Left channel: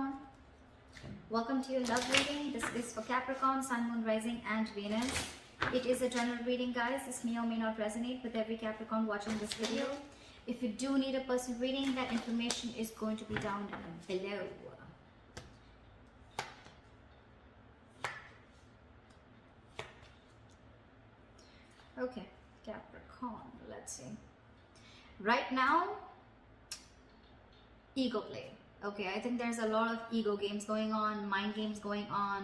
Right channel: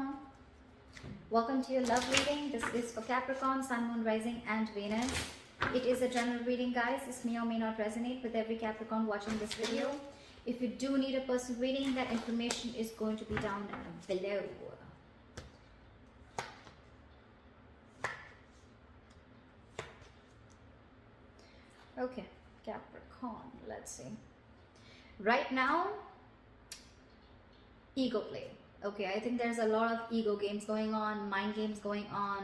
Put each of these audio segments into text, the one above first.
Capricorn. Welcome to your love reading. This is for Capricorn, Sun, Moon, Rising and Venus. It is a general reading, guys. This may or may not resonate with every Capricorn watching this video. If you do need a personal reading, that information is going to be down below. Okay, Capricorn, let's see. Right now, ego play. Okay, I think there's a lot of ego games going on, mind games going on,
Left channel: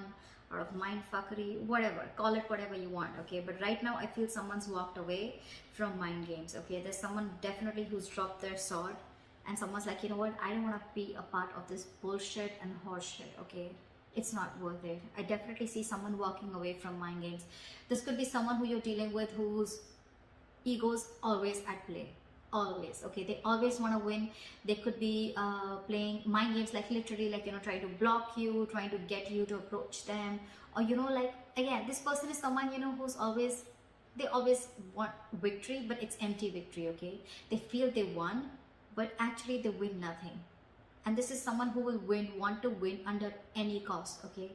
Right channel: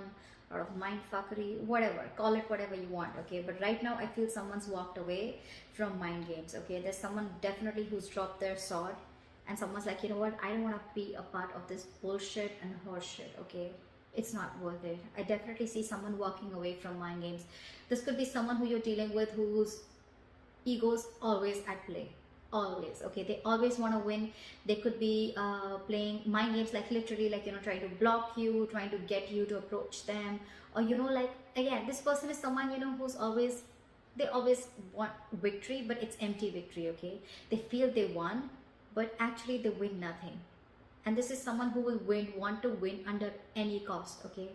a lot of mind fuckery, whatever, call it whatever you want. Okay, but right now I feel someone's walked away from mind games. Okay, there's someone definitely who's dropped their sword and someone's like, you know what, I don't want to be a part of this bullshit and horseshit. Okay, it's not worth it. I definitely see someone walking away from mind games. This could be someone who you're dealing with whose ego's always at play. Always. Okay, they always want to win. They could be playing mind games, like literally, like, you know, trying to block you, trying to get you to approach them, or, you know, like, again, this person is someone, you know, who's always, they always want victory, but it's empty victory. Okay, they feel they won, but actually they win nothing. And this is someone who will want to win under any cost. Okay,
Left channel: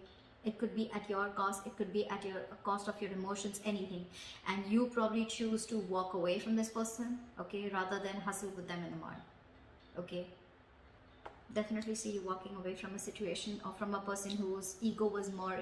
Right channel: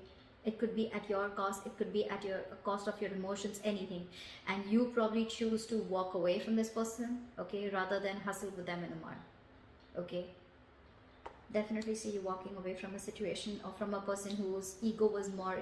it could be at your cost, it could be at your cost of your emotions, anything. And you probably choose to walk away from this person, okay, rather than hustle with them anymore. Okay, definitely see you walking away from a situation or from a person whose ego was more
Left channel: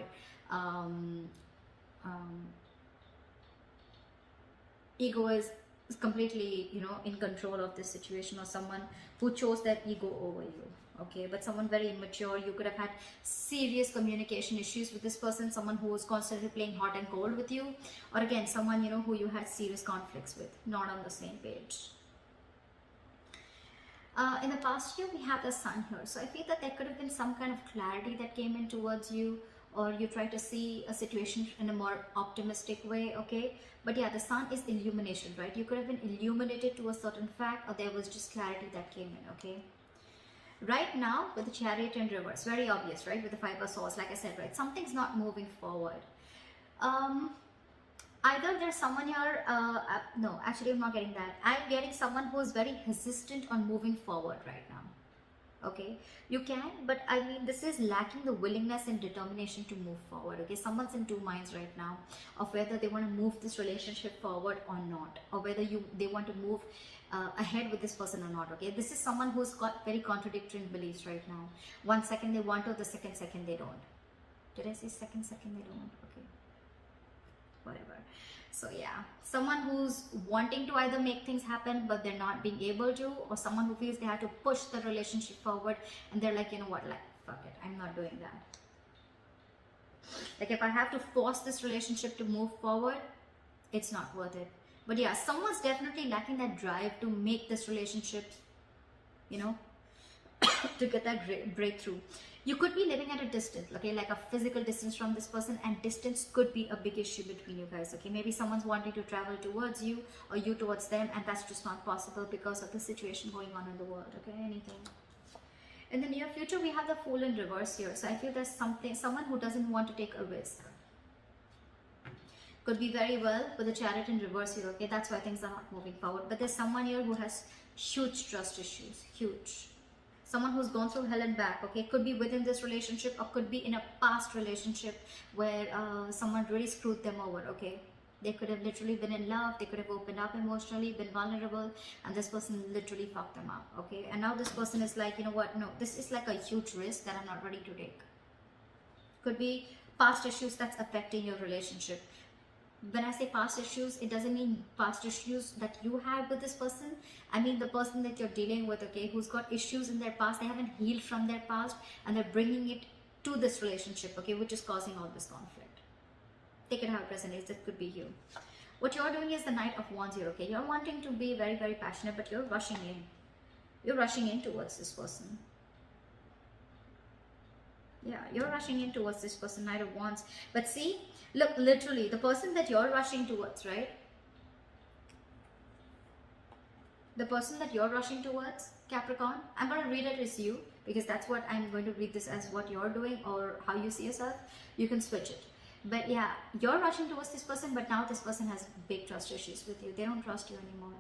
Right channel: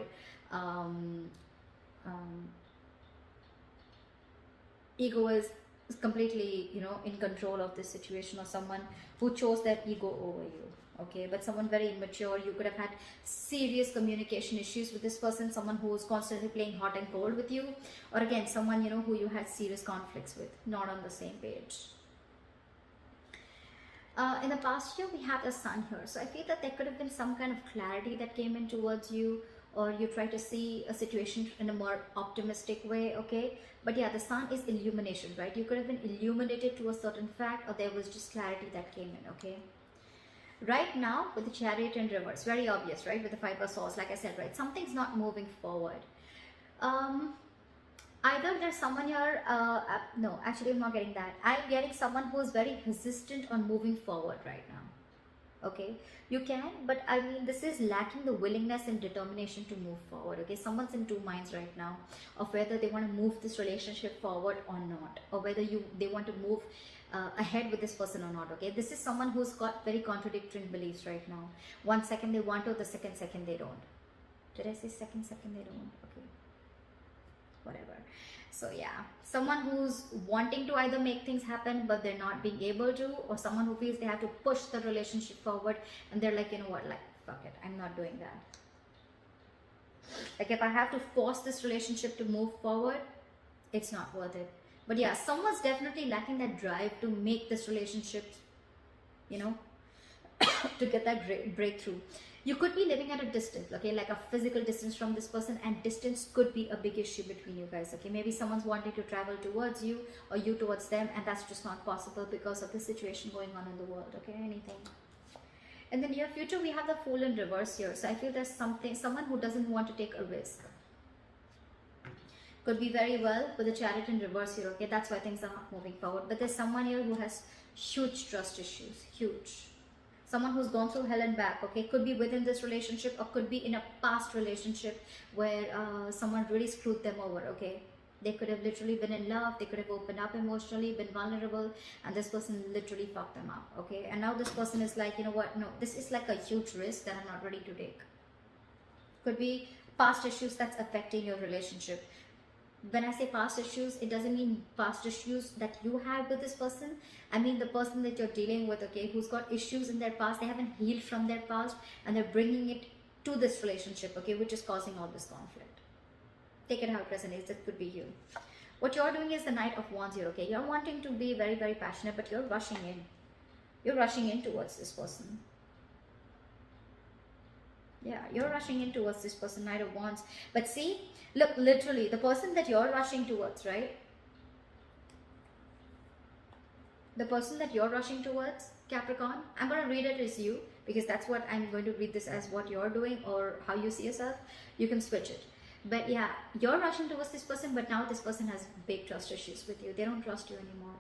ego is completely, you know, in control of this situation, or someone who chose their ego over you. Okay, but someone very immature. You could have had serious communication issues with this person, someone who was constantly playing hot and cold with you, or again, someone, you know, who you had serious conflicts with, not on the same page. In the past year, we have the Sun here, so I feel that there could have been some kind of clarity that came in towards you, or you try to see a situation in a more optimistic way. Okay, but yeah, the Sun is illumination, right? You could have been illuminated to a certain fact, or there was just clarity that came in. Okay, right now with the Chariot in reverse, very obvious, right? With the Five of Swords, like I said, right, something's not moving forward. Either there's someone here, no, actually I'm not getting that. I'm getting someone who's very hesitant on moving forward right now. Okay, you can, but I mean, this is lacking the willingness and determination to move forward. Okay, someone's in two minds right now of whether they want to move this relationship forward or not, or whether they want to move ahead with this person or not. Okay, this is someone who's got very contradictory beliefs right now. One second they want to, the second they don't. Did I say second they don't? Okay, whatever. So yeah, someone who's wanting to either make things happen but they're not being able to, or someone who feels they have to push the relationship forward and they're like, you know what, like, fuck it, I'm not doing that. Like, if I have to force this relationship to move forward, it's not worth it. But yeah, someone's definitely lacking that drive to make this relationship, you know, to get that breakthrough. You could be living at a distance, okay, like a physical distance from this person, and distance could be a big issue between you guys. Okay, maybe someone's wanting to travel towards you or you towards them, and that's just not possible because of the situation going on in the world. Okay, anything. In the near future, we have the Fool in reverse here. So I feel there's someone who doesn't want to take a risk. Could be very well with the Chariot in reverse here. Okay, that's why things are not moving forward. But there's someone here who has huge trust issues, huge. Someone who's gone through hell and back. Okay, could be within this relationship or could be in a past relationship where someone really screwed them over. Okay, they could have literally been in love, they could have opened up emotionally, been vulnerable, and this person literally fucked them up. Okay, and now this person is like, you know what, no, this is like a huge risk that I'm not ready to take. Could be past issues that's affecting your relationship. When I say past issues, it doesn't mean past issues that you had with this person. I mean the person that you're dealing with, okay, who's got issues in their past. They haven't healed from their past and they're bringing it to this relationship, okay, which is causing all this conflict. Take it how it resonates. That could be you. What you're doing is the Knight of Wands here, okay. You're wanting to be very, very passionate, but you're rushing in. You're rushing in towards this person. Yeah, you're rushing in towards this person, Knight of Wands. But see, look, literally, the person that you're rushing towards, right? The person that you're rushing towards, Capricorn, I'm going to read it as you, because that's what I'm going to read this as, what you're doing or how you see yourself. You can switch it. But yeah, you're rushing towards this person, but now this person has big trust issues with you. They don't trust you anymore.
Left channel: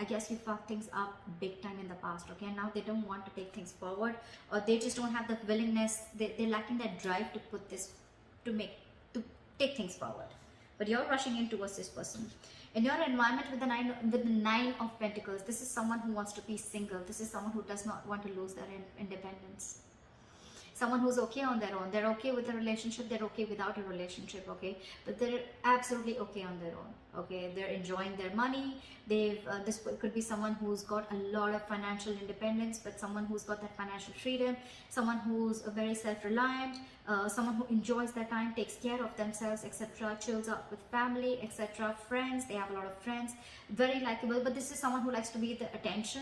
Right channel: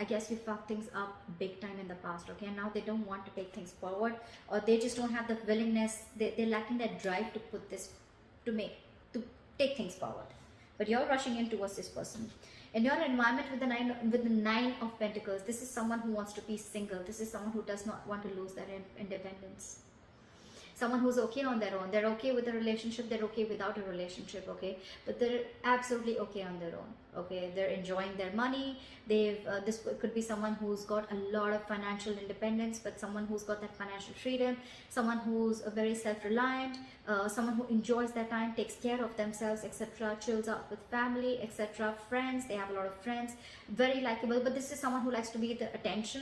I guess you fucked things up big time in the past, okay? And now they don't want to take things forward, or they just don't have the willingness, they're lacking that drive to put this, to take things forward. But you're rushing in towards this person. In your environment with the nine of Pentacles, this is someone who wants to be single. This is someone who does not want to lose their independence. Someone who's okay on their own. They're okay with a relationship. They're okay without a relationship, okay? But they're absolutely okay on their own, okay? They're enjoying their money. This could be someone who's got a lot of financial independence, but someone who's got that financial freedom, someone who's very self-reliant, someone who enjoys their time, takes care of themselves, etc., chills out with family, etc., friends. They have a lot of friends, very likable. But this is someone who likes to be the attention,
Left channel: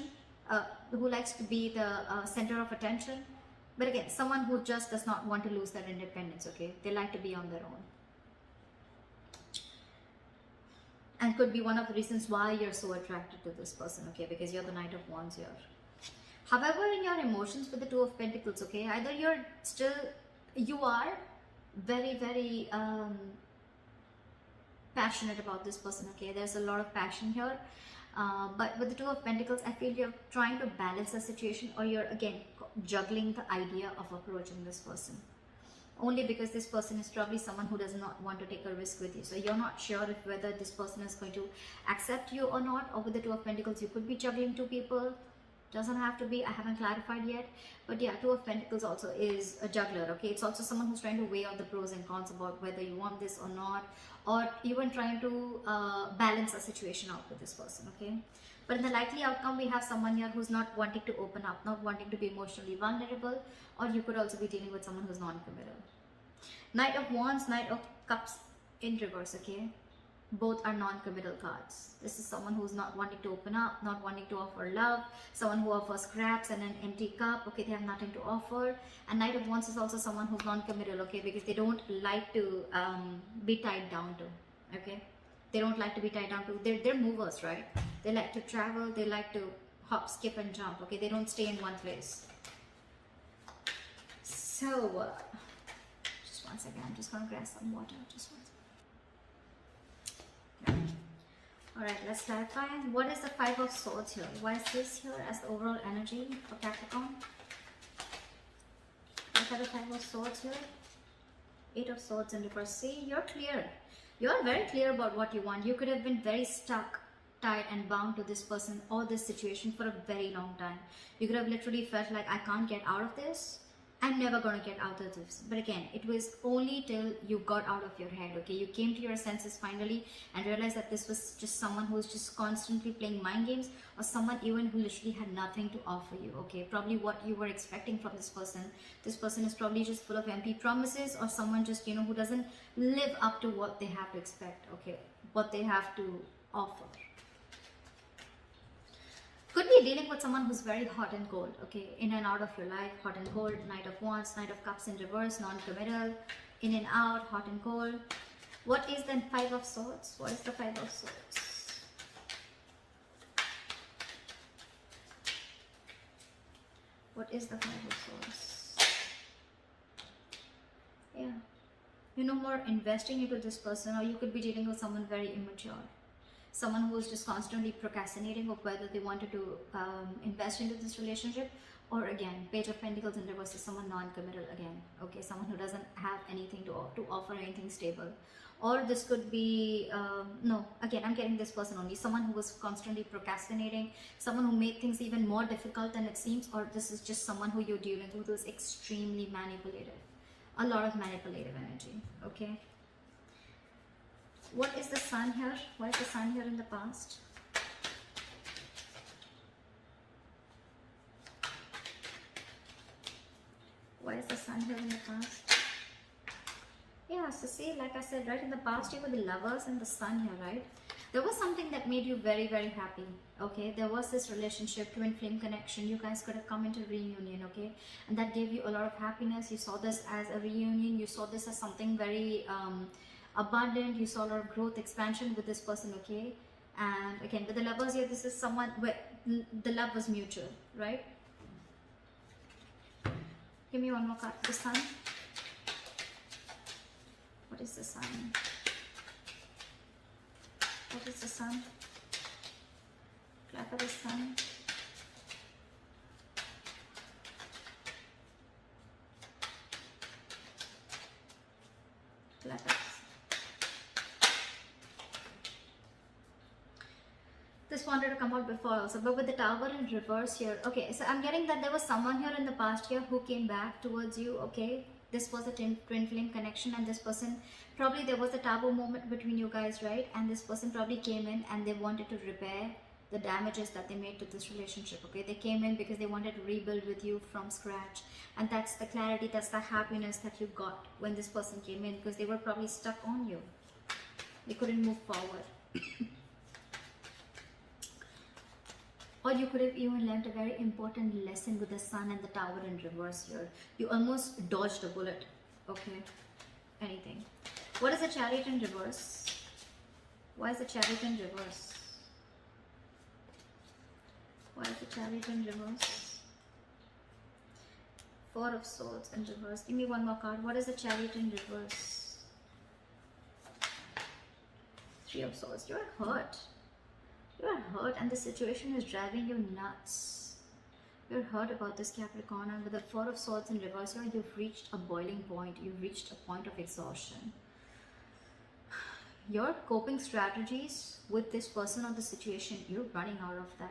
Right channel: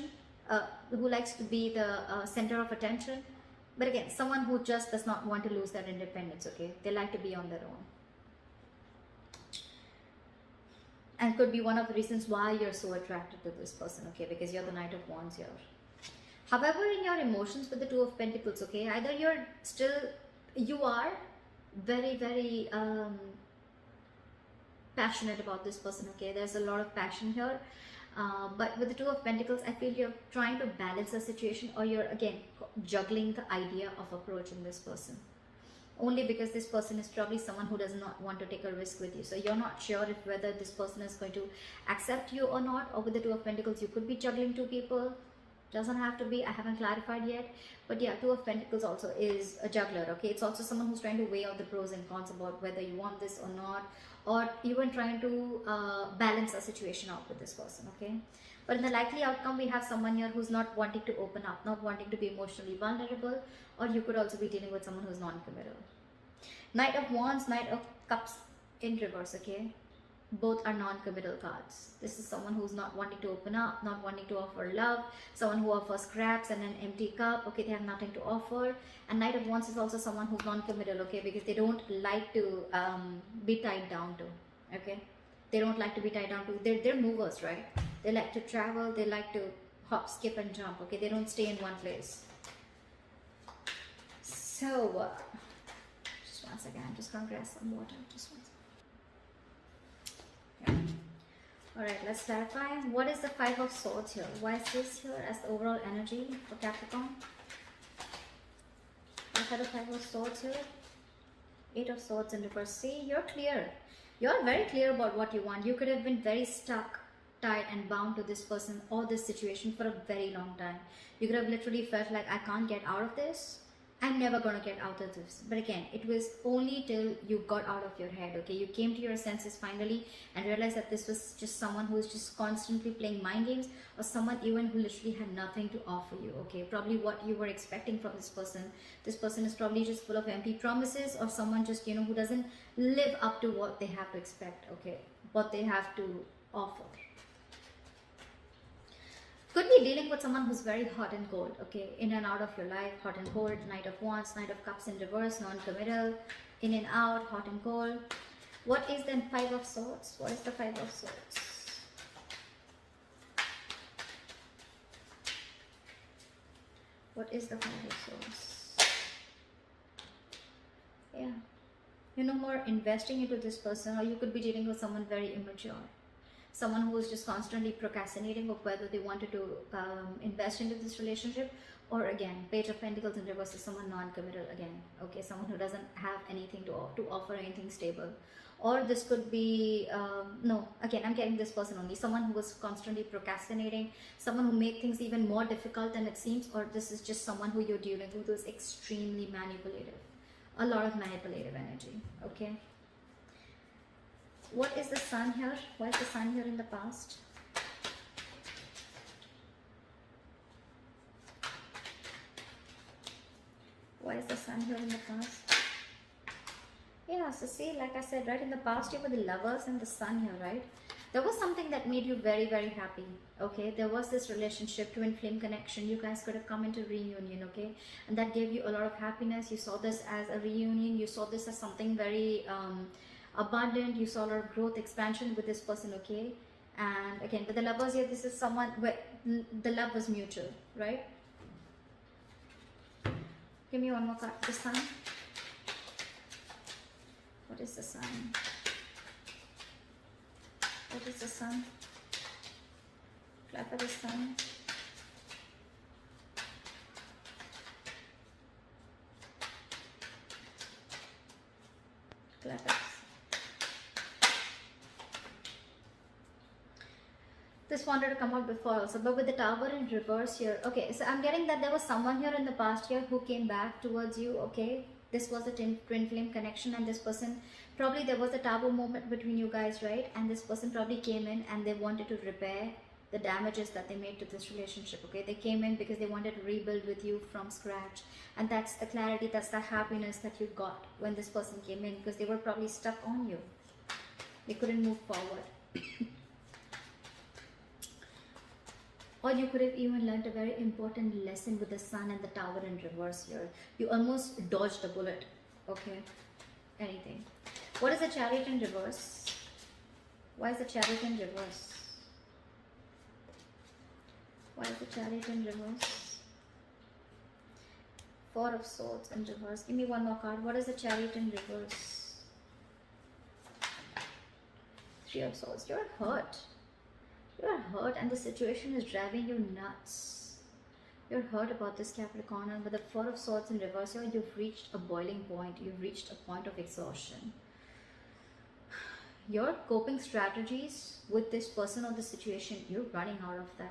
who likes to be the center of attention. But again, someone who just does not want to lose their independence, okay? They like to be on their own. And could be one of the reasons why you're so attracted to this person, okay? Because you're the Knight of Wands here. However, in your emotions with the Two of Pentacles, okay? Either you are very, very passionate about this person, okay? There's a lot of passion here. But with the Two of Pentacles, I feel you're trying to balance the situation, or you're, again, juggling the idea of approaching this person. Only because this person is probably someone who does not want to take a risk with you. So you're not sure if whether this person is going to accept you or not. Or with the Two of Pentacles, you could be juggling two people. Doesn't have to be. I haven't clarified yet. But yeah, Two of Pentacles also is a juggler, okay? It's also someone who's trying to weigh out the pros and cons about whether you want this or not. Or even trying to balance a situation out with this person, okay? But in the likely outcome, we have someone here who's not wanting to open up, not wanting to be emotionally vulnerable, or you could also be dealing with someone who's non-committal. Knight of Wands, Knight of Cups in reverse, okay? Both are non-committal cards. This is someone who's not wanting to open up, not wanting to offer love, someone who offers scraps and an empty cup, okay? They have nothing to offer. And Knight of Wands is also someone who's non-committal, okay? Because they don't like to be tied down to, okay? They don't like to be tied down to. They're movers, right? They like to travel. They like to hop, skip, and jump. Okay, they don't stay in one place. So, just one second. I'm just gonna grab some water. Just one second. All right, let's clarify. What is the Five of Swords here? Why is this here as the overall energy for Capricorn? Look at the Five of Swords here. Eight of Swords in reverse. See, you're clear. You're very clear about what you want. You could have been very stuck, tied and bound to this person or this situation for a very long time. You could have literally felt like, I can't get out of this. I'm never gonna get out of this. But again, it was only till you got out of your head, okay? You came to your senses finally and realized that this was just someone who's just constantly playing mind games, or someone even who literally had nothing to offer you, okay? Probably what you were expecting from this person. This person is probably just full of empty promises, or someone just, you know, who doesn't live up to what they have to expect, okay? What they have to offer. Could be dealing with someone who's very hot and cold, okay? In and out of your life, hot and cold. Knight of Wands, Knight of Cups in reverse, non-committal, in and out, hot and cold. What is the Five of Swords? What is the Five of Swords? What is the Five of Swords? Yeah. You're no more investing into this person, or you could be dealing with someone very immature. Someone who is just constantly procrastinating of whether they wanted to invest into this relationship, or again, Page of Pentacles in reverse is someone non-committal again, okay? Someone who doesn't have anything to offer, anything stable. Or this could be, no, again, I'm getting this person only, someone who was constantly procrastinating, someone who made things even more difficult than it seems, or this is just someone who you're dealing with who is extremely manipulative. A lot of manipulative energy, okay? What is the Sun here? Why is the Sun here in the past? Why is the Sun here in the past? Yeah, so see, like I said, right, in the past you were the Lovers and the Sun here, right? There was something that made you very, very happy, okay? There was this relationship, twin flame connection. You guys could have come into reunion, okay? And that gave you a lot of happiness. You saw this as a reunion. You saw this as something very abundant. You saw a lot of growth, expansion with this person, okay? And again, with the Lovers here, this is someone where the love was mutual, right? Give me one more card. The Sun. What is the Sun? What is the Sun? Clarify for the sun. Letters. This wanted to come out before also, but with the Tower in reverse here. Okay, so I'm getting that there was someone here in the past year who came back towards you. Okay, this was a twin flame connection, and this person, probably there was a taboo moment between you guys, right? And this person probably came in and they wanted to repair the damages that they made to this relationship. Okay, they came in because they wanted to rebuild with you from scratch, and that's the clarity, that's the happiness that you got when this person came in, because they were probably stuck on you. They couldn't move forward. Or you could have even learned a very important lesson with the Sun and the Tower in reverse here. You almost dodged a bullet. Okay, anything. What is the Chariot in reverse? Why is the Chariot in reverse? Why is the Chariot in reverse? Four of Swords in reverse. Give me one more card. What is the Chariot in reverse? Three of Swords. You're hurt. You are hurt and the situation is driving you nuts. You're hurt about this, Capricorn, and with the Four of Swords in reverse, you've reached a boiling point. You've reached a point of exhaustion. Your coping strategies with this person or the situation, you're running out of that.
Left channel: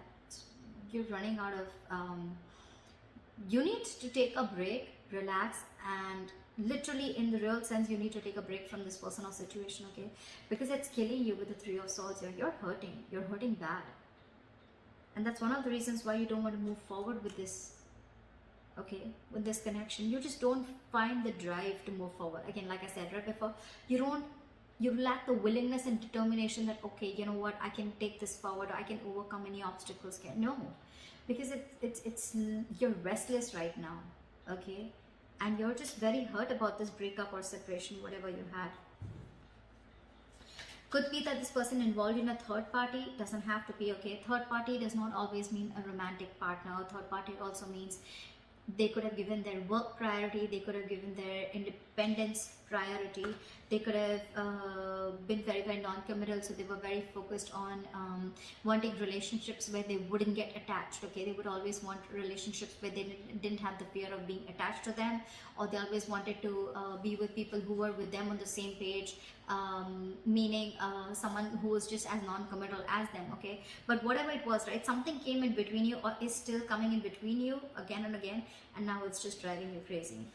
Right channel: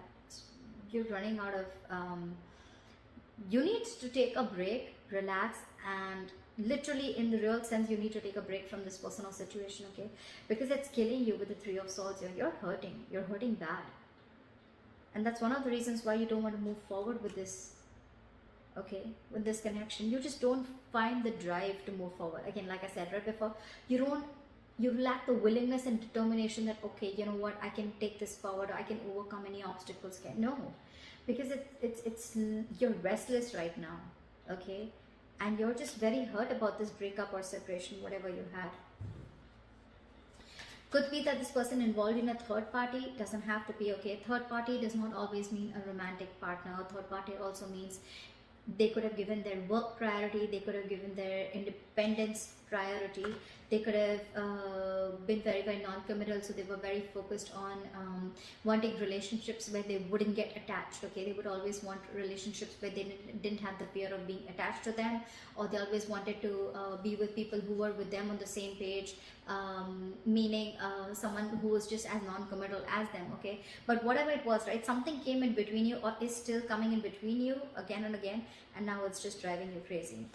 You're running out of... you need to take a break, relax, and literally in the real sense, you need to take a break from this person or situation, okay? Because it's killing you with the Three of Swords here. You're hurting. You're hurting bad. And that's one of the reasons why you don't want to move forward with this, okay? With this connection. You just don't find the drive to move forward. Again, like I said right before, you lack the willingness and determination that, okay, you know what, I can take this forward, or I can overcome any obstacles here. No, because you're restless right now, okay? And you're just very hurt about this breakup or separation, whatever you had. Could be that this person involved in a third party, doesn't have to be, okay? Third party does not always mean a romantic partner. Third party also means they could have given their work priority, they could have given their independence priority, they could have been very, very non-committal, so they were very focused on wanting relationships where they wouldn't get attached, okay? They would always want relationships where they didn't have the fear of being attached to them, or they always wanted to be with people who were with them on the same page, meaning someone who was just as non-committal as them, okay? But whatever it was, right, something came in between you, or is still coming in between you again and again, and now it's just driving you crazy.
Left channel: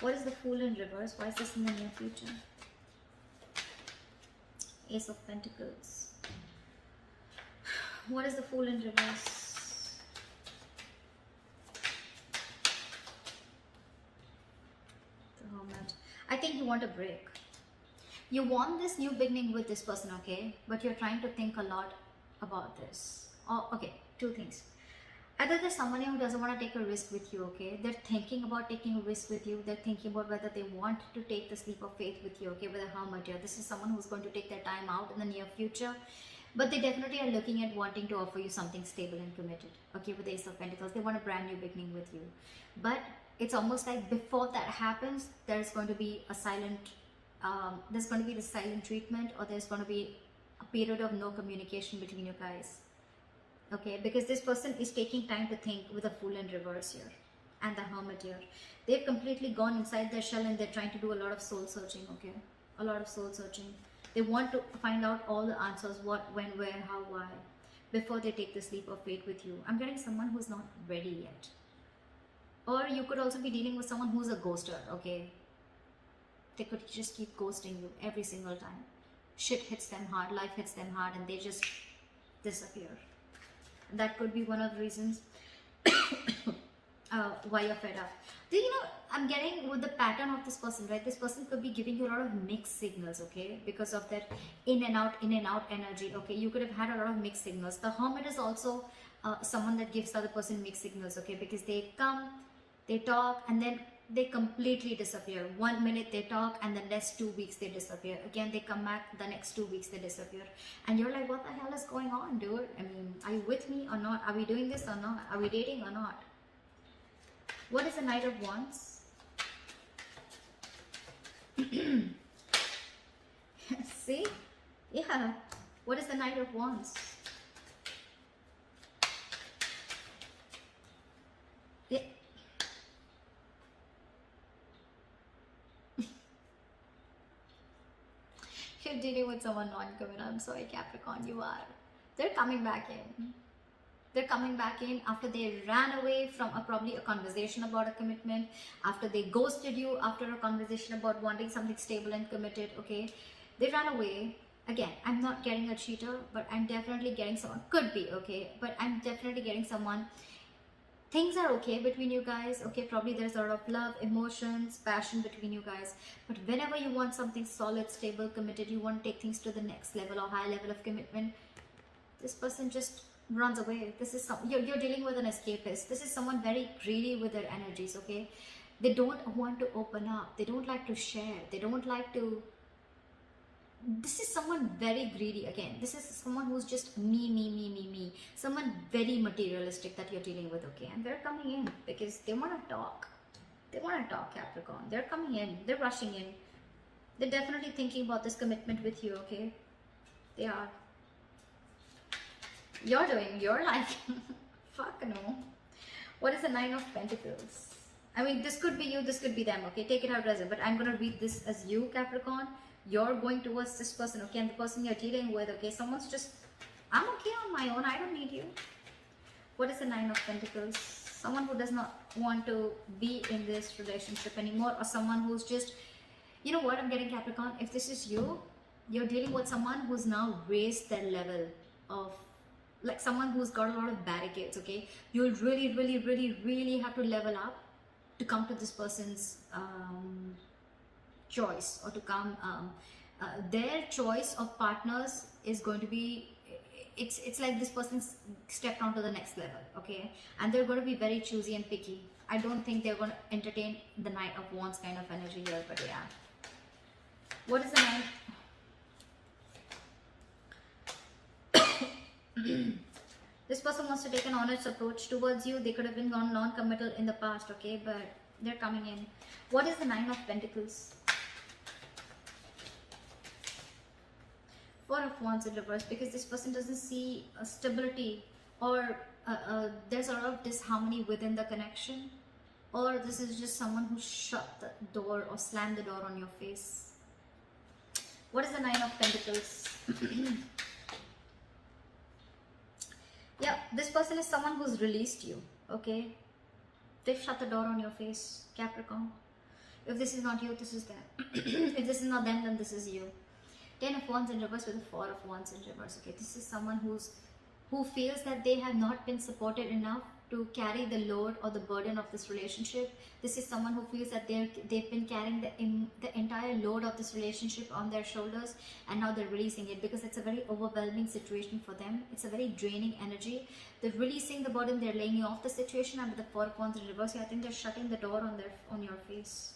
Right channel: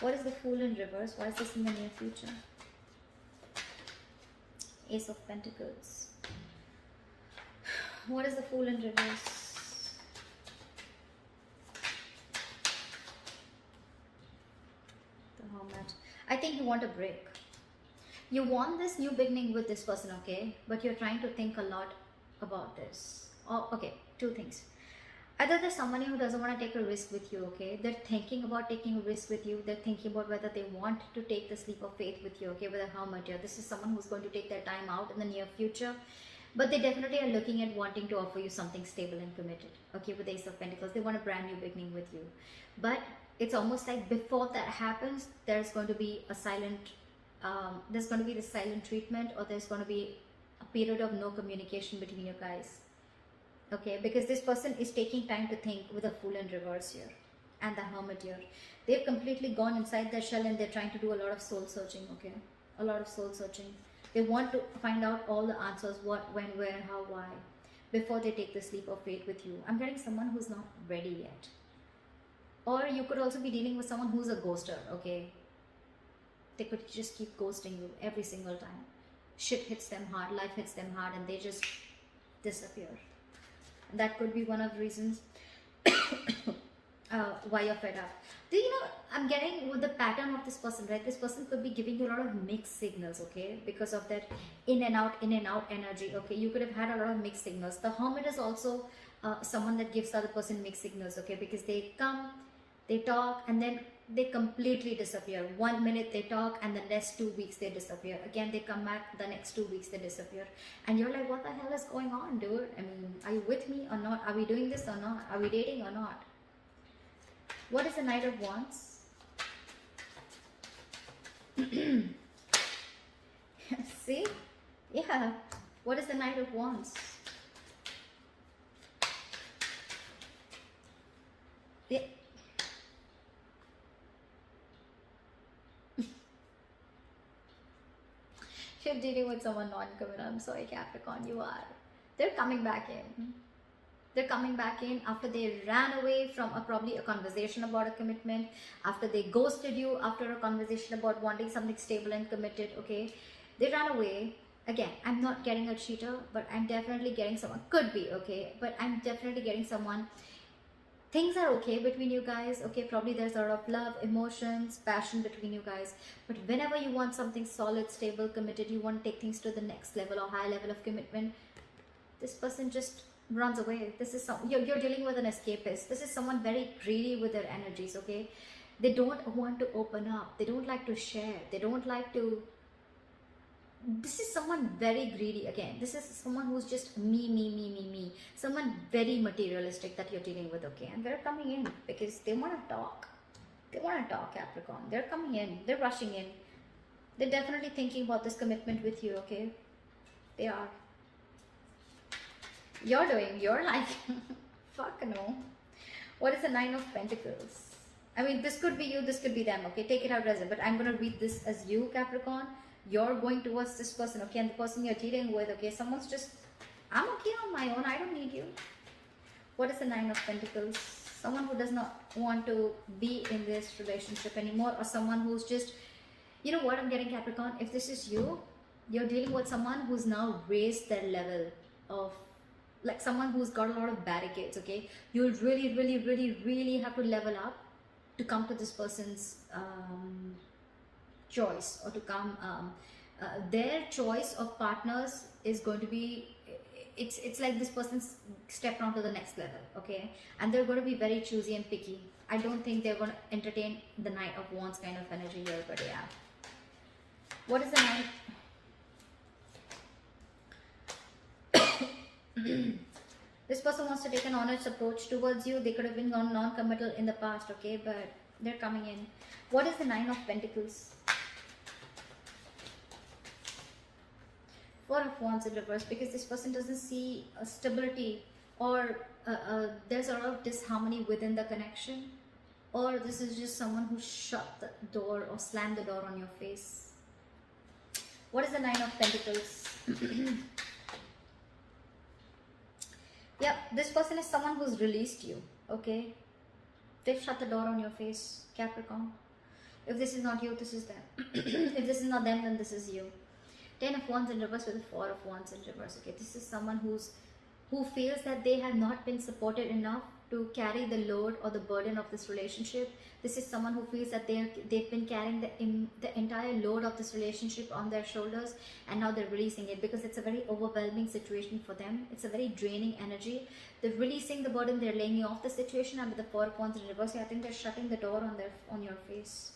What is the Fool in reverse? Why is this in the near future? Ace of Pentacles. What is the Fool in reverse? The Hermit. I think you want a break. You want this new beginning with this person, okay? But you're trying to think a lot about this. Oh, okay, two things. Either there's someone who doesn't want to take a risk with you, okay? They're thinking about taking a risk with you. They're thinking about whether they want to take the leap of faith with you, okay? With a Hermit here. This is someone who's going to take their time out in the near future. But they definitely are looking at wanting to offer you something stable and committed, okay? With the Ace of Pentacles, they want a brand new beginning with you. But it's almost like before that happens, there's going to be a silent, there's going to be the silent treatment, or there's going to be a period of no communication between you guys. Okay, because this person is taking time to think with a Fool in reverse here and the Hermit here. They've completely gone inside their shell and they're trying to do a lot of soul searching, okay? A lot of soul searching. They want to find out all the answers, what, when, where, how, why, before they take this leap of faith with you. I'm getting someone who's not ready yet. Or you could also be dealing with someone who's a ghoster, okay? They could just keep ghosting you every single time. Shit hits them hard, life hits them hard, and they just disappear. That could be one of the reasons why you're fed up. Do you know, I'm getting with the pattern of this person, right? This person could be giving you a lot of mixed signals, okay? Because of that in and out energy, okay? You could have had a lot of mixed signals. The Hermit is also someone that gives the other person mixed signals, okay? Because they come, they talk, and then they completely disappear. 1 minute they talk, and the next 2 weeks they disappear. Again, they come back, the next 2 weeks they disappear. And you're like, what the hell is going on, dude? I mean, are you with me or not? Are we doing this or not? Are we dating or not? What is the Knight of Wands? See? Yeah. What is the Nine of Wands? Yeah. You're dealing with someone non-committal. I'm sorry, Capricorn, you are. They're coming back in. They're coming back in after they ran away from probably a conversation about a commitment, after they ghosted you, after a conversation about wanting something stable and committed, okay? They ran away. Again, I'm not getting a cheater, but I'm definitely getting someone. Could be, okay? But I'm definitely getting someone. Things are okay between you guys, okay? Probably there's a lot of love, emotions, passion between you guys. But whenever you want something solid, stable, committed, you want to take things to the next level or high level of commitment, this person just runs away. This is you're dealing with an escapist. This is someone very greedy with their energies, okay? They don't want to open up. They don't like to share. They don't like to. This is someone very greedy. Again, this is someone who's just me. Someone very materialistic that you're dealing with, okay? And they're coming in because they want to talk. They want to talk, Capricorn. They're coming in. They're rushing in. They're definitely thinking about this commitment with you, okay? They are. You're doing, you're like, fuck no. What is the Nine of Pentacles? I mean, this could be you, this could be them, okay? Take it how it doesn't. But I'm going to read this as you, Capricorn. You're going towards this person, okay? And the person you're dealing with, okay? Someone's just, I'm okay on my own. I don't need you. What is the Nine of Pentacles? Someone who does not want to be in this relationship anymore, or someone who's just, you know what I'm getting, Capricorn? If this is you, you're dealing with someone who's now raised their level of, like someone who's got a lot of barricades, okay? You'll really have to level up to come to this person's choice, or to come their choice of partners is going to be, it's like this person's stepped on to the next level, okay? And they're going to be very choosy and picky. I don't think they're going to entertain the Knight of Wands kind of energy here, but yeah. What is the Knight? This person wants to take an honest approach towards you. They could have been non-committal in the past, okay? But they're coming in. What is the Nine of Pentacles? Four of Wands in reverse, because this person doesn't see a stability, or there's a lot of disharmony within the connection, or this is just someone who shut the door or slammed the door on your face. What is the Nine of Pentacles? Yeah, this person is someone who's released you, okay? They've shut the door on your face, Capricorn. If this is not you, this is them. If this is not them, then this is you. 10 of Wands in reverse with a 4 of Wands in reverse, okay? This is someone who feels that they have not been supported enough to carry the load or the burden of this relationship. This is someone who feels that they've been carrying the entire load of this relationship on their shoulders, and now they're releasing it because it's a very overwhelming situation for them. It's a very draining energy. They're releasing the burden, they're laying you off the situation, and with the 4 of Wands in reverse, I think they're shutting the door on your face.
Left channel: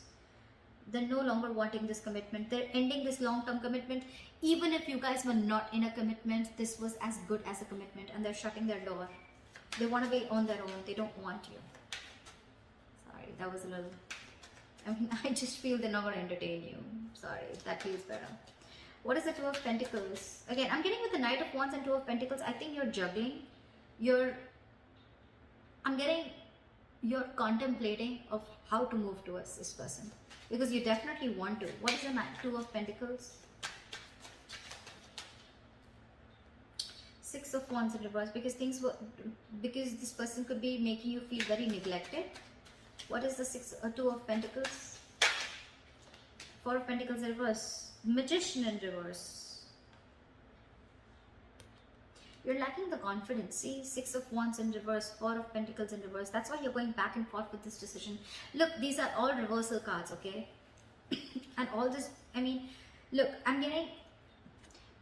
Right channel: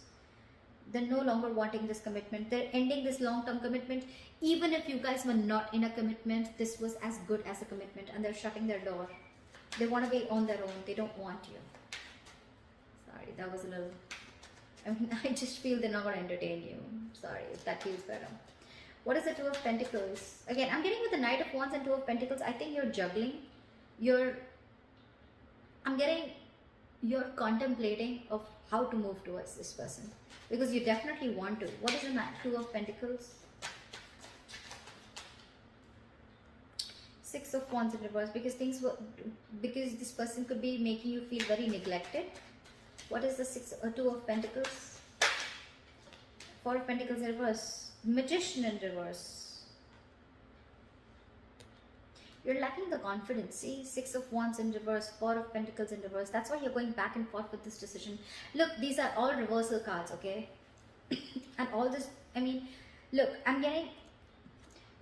They're no longer wanting this commitment. They're ending this long-term commitment. Even if you guys were not in a commitment, this was as good as a commitment, and they're shutting their door. They want to be on their own. They don't want you. Sorry, that was a little... I mean, I just feel they're not going to entertain you. Sorry, if that feels better. What is the Two of Pentacles? Again, I'm getting with the Knight of Wands and Two of Pentacles. I think you're juggling. I'm getting... You're contemplating of how to move towards this person, because you definitely want to. What is the Two of Pentacles? 6 of Wands in reverse, because this person could be making you feel very neglected. What is the 2 of Pentacles? 4 of Pentacles in reverse. Magician in reverse. You're lacking the confidence. See, 6 of Wands in reverse, 4 of Pentacles in reverse. That's why you're going back and forth with this decision. Look, these are all reversal cards, okay? And all this, I mean, look, I'm getting...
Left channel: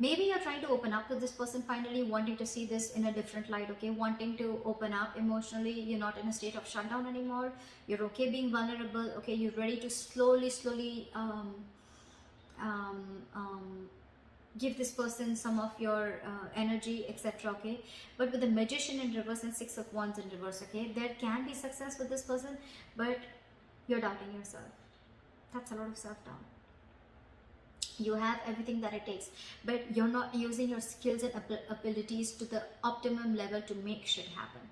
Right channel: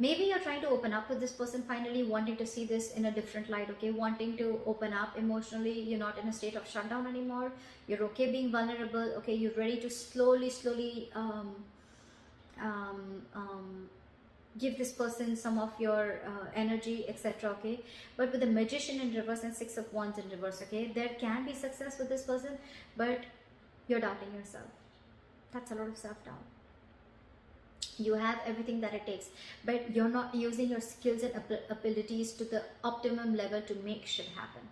Maybe you're trying to open up to this person finally, wanting to see this in a different light, okay? Wanting to open up emotionally. You're not in a state of shutdown anymore. You're okay being vulnerable, okay? You're ready to slowly give this person some of your energy, etc., okay? But with the Magician in reverse and 6 of Wands in reverse, okay? There can be success with this person, but you're doubting yourself. That's a lot of self-doubt. You have everything that it takes, but you're not using your skills and abilities to the optimum level to make shit happen.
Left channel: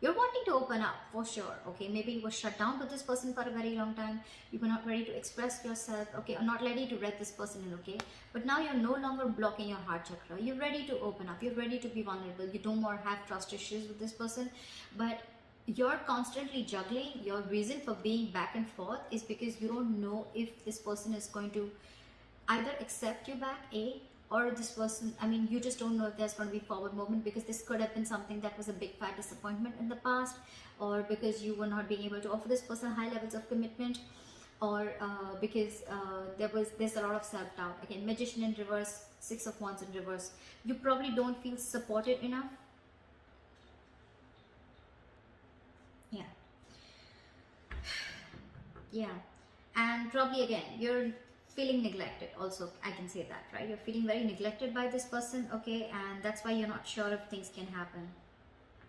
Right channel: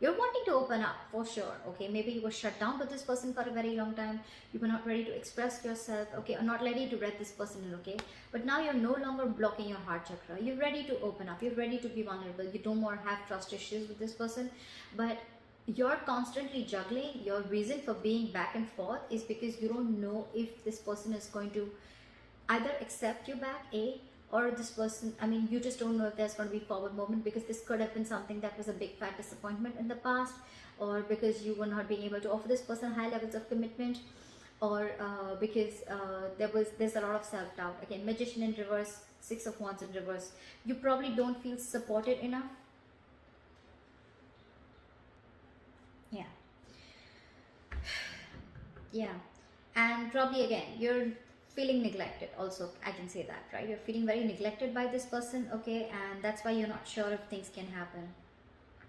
You're wanting to open up for sure, okay? Maybe you were shut down with this person for a very long time. You were not ready to express yourself, okay? Or not ready to let this person in, okay? But now you're no longer blocking your heart chakra. You're ready to open up. You're ready to be vulnerable. You don't more have trust issues with this person. But you're constantly juggling. Your reason for being back and forth is because you don't know if this person is going to either accept you back, or this person, I mean, you just don't know if there's going to be forward movement, because this could have been something that was a big fat disappointment in the past, or because you were not being able to offer this person high levels of commitment, or because there's a lot of self-doubt. Again, Magician in reverse, Six of Wands in reverse. You probably don't feel supported enough. Yeah, and probably again you're feeling neglected also. I can say that, right? You're feeling very neglected by this person, okay? And that's why you're not sure if things can happen.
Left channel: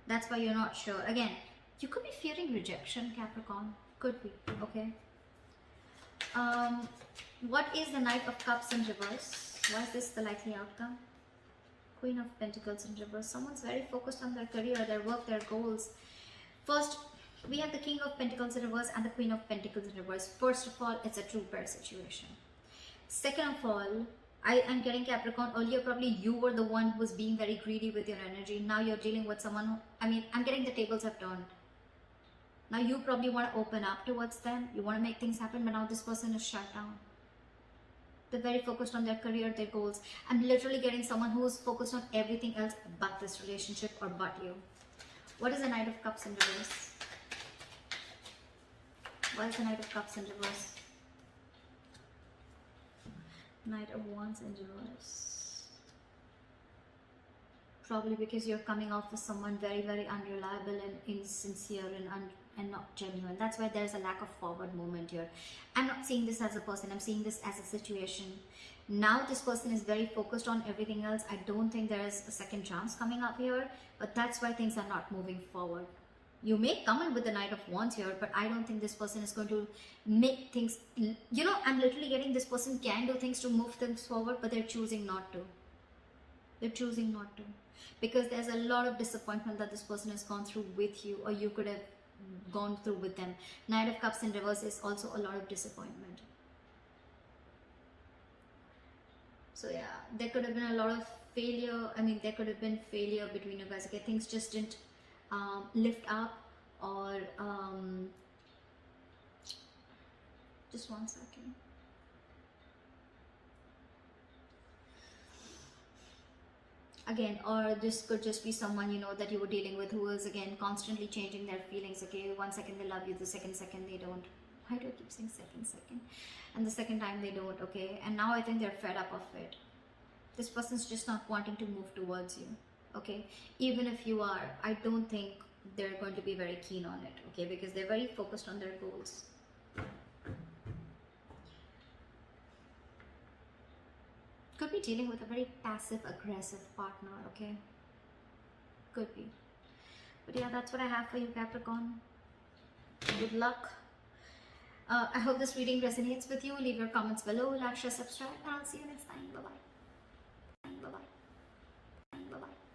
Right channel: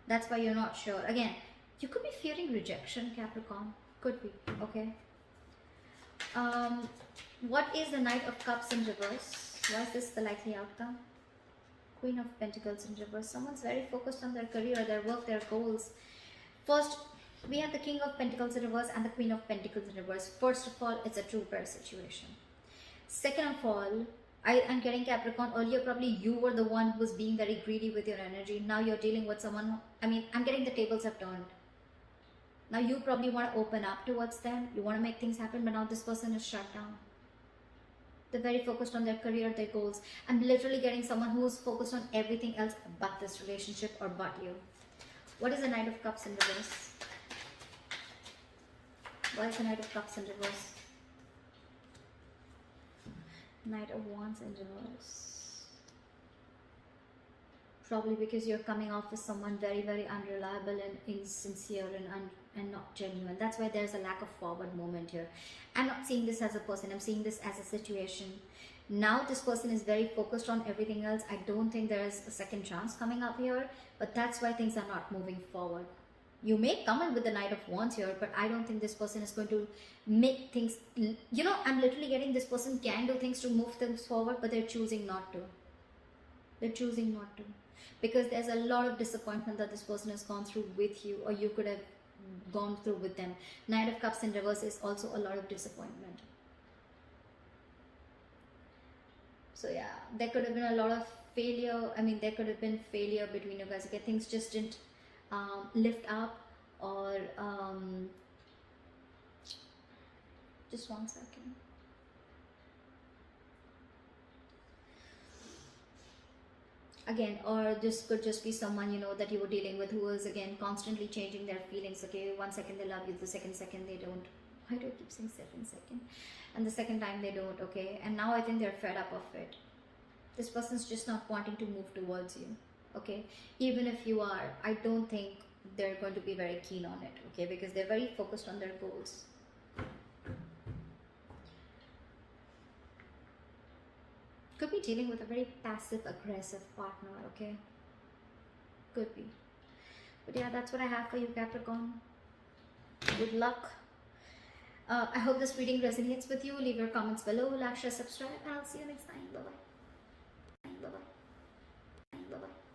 That's why you're not sure. Again, you could be fearing rejection, Capricorn. Could be, okay? What is the Knight of Cups in reverse? Why is this the likely outcome? Queen of Pentacles in reverse. Someone's very focused on their career, their work, their goals. First, we have the King of Pentacles in reverse and the Queen of Pentacles in reverse. First of all, it's a true pair situation. Second of all, I am getting Capricorn. Earlier, probably you were the one who was being very greedy with your energy. Now you're dealing with someone who, I mean, I'm getting the tables have turned. Now you probably want to open up towards them. You want to make things happen, but now this person is shut down. They're very focused on their career, their goals. I'm literally getting someone who is focused on everything else but this relationship or but you. What is the Knight of Cups in reverse? Why is the Knight of Cups in reverse? Knight of Wands in reverse. Probably because you're coming off as someone very, very unreliable and insincere and not genuine. That's why there's a lack of forward movement here. I'm not seeing this as a person. I'm seeing this as a situation. Now this person is very focused on everything else. I don't think there is a second chance coming up here. But that's why things are not moving forward. You may come in with the Knight of Wands here, but I don't think this person is going to make things, you know, I'm literally getting this person can do things to move things forward, but they're choosing not to. They're choosing not to. Because there's a lot of disappointment that this person has gone through with you, or you could have gone through with them. Knight of Cups in reverse is also a lot of disappointment. So yeah, there could have been a lot of failure. I mean, there could have been failure between you guys. Okay, things just didn't lift up, or just one second. Again, or this could just be someone, you know, that you were dealing with who is again constantly changing their feelings. Okay, one second they love you, the second they don't. Why do I keep saying second? And the second time they don't, okay? And now I think they're fed up of it. This person's just not wanting to move towards you, okay? Even if you are, I don't think they're going to be very keen on it, okay? Because they're very focused on their goals. Could be dealing with a very passive-aggressive partner, okay? Could be. But yeah, that's what I have for you, Capricorn. Good luck. I hope this reading resonates with you. Leave your comments below, like, share, subscribe, and I'll see you next time. Bye-bye. Bye-bye.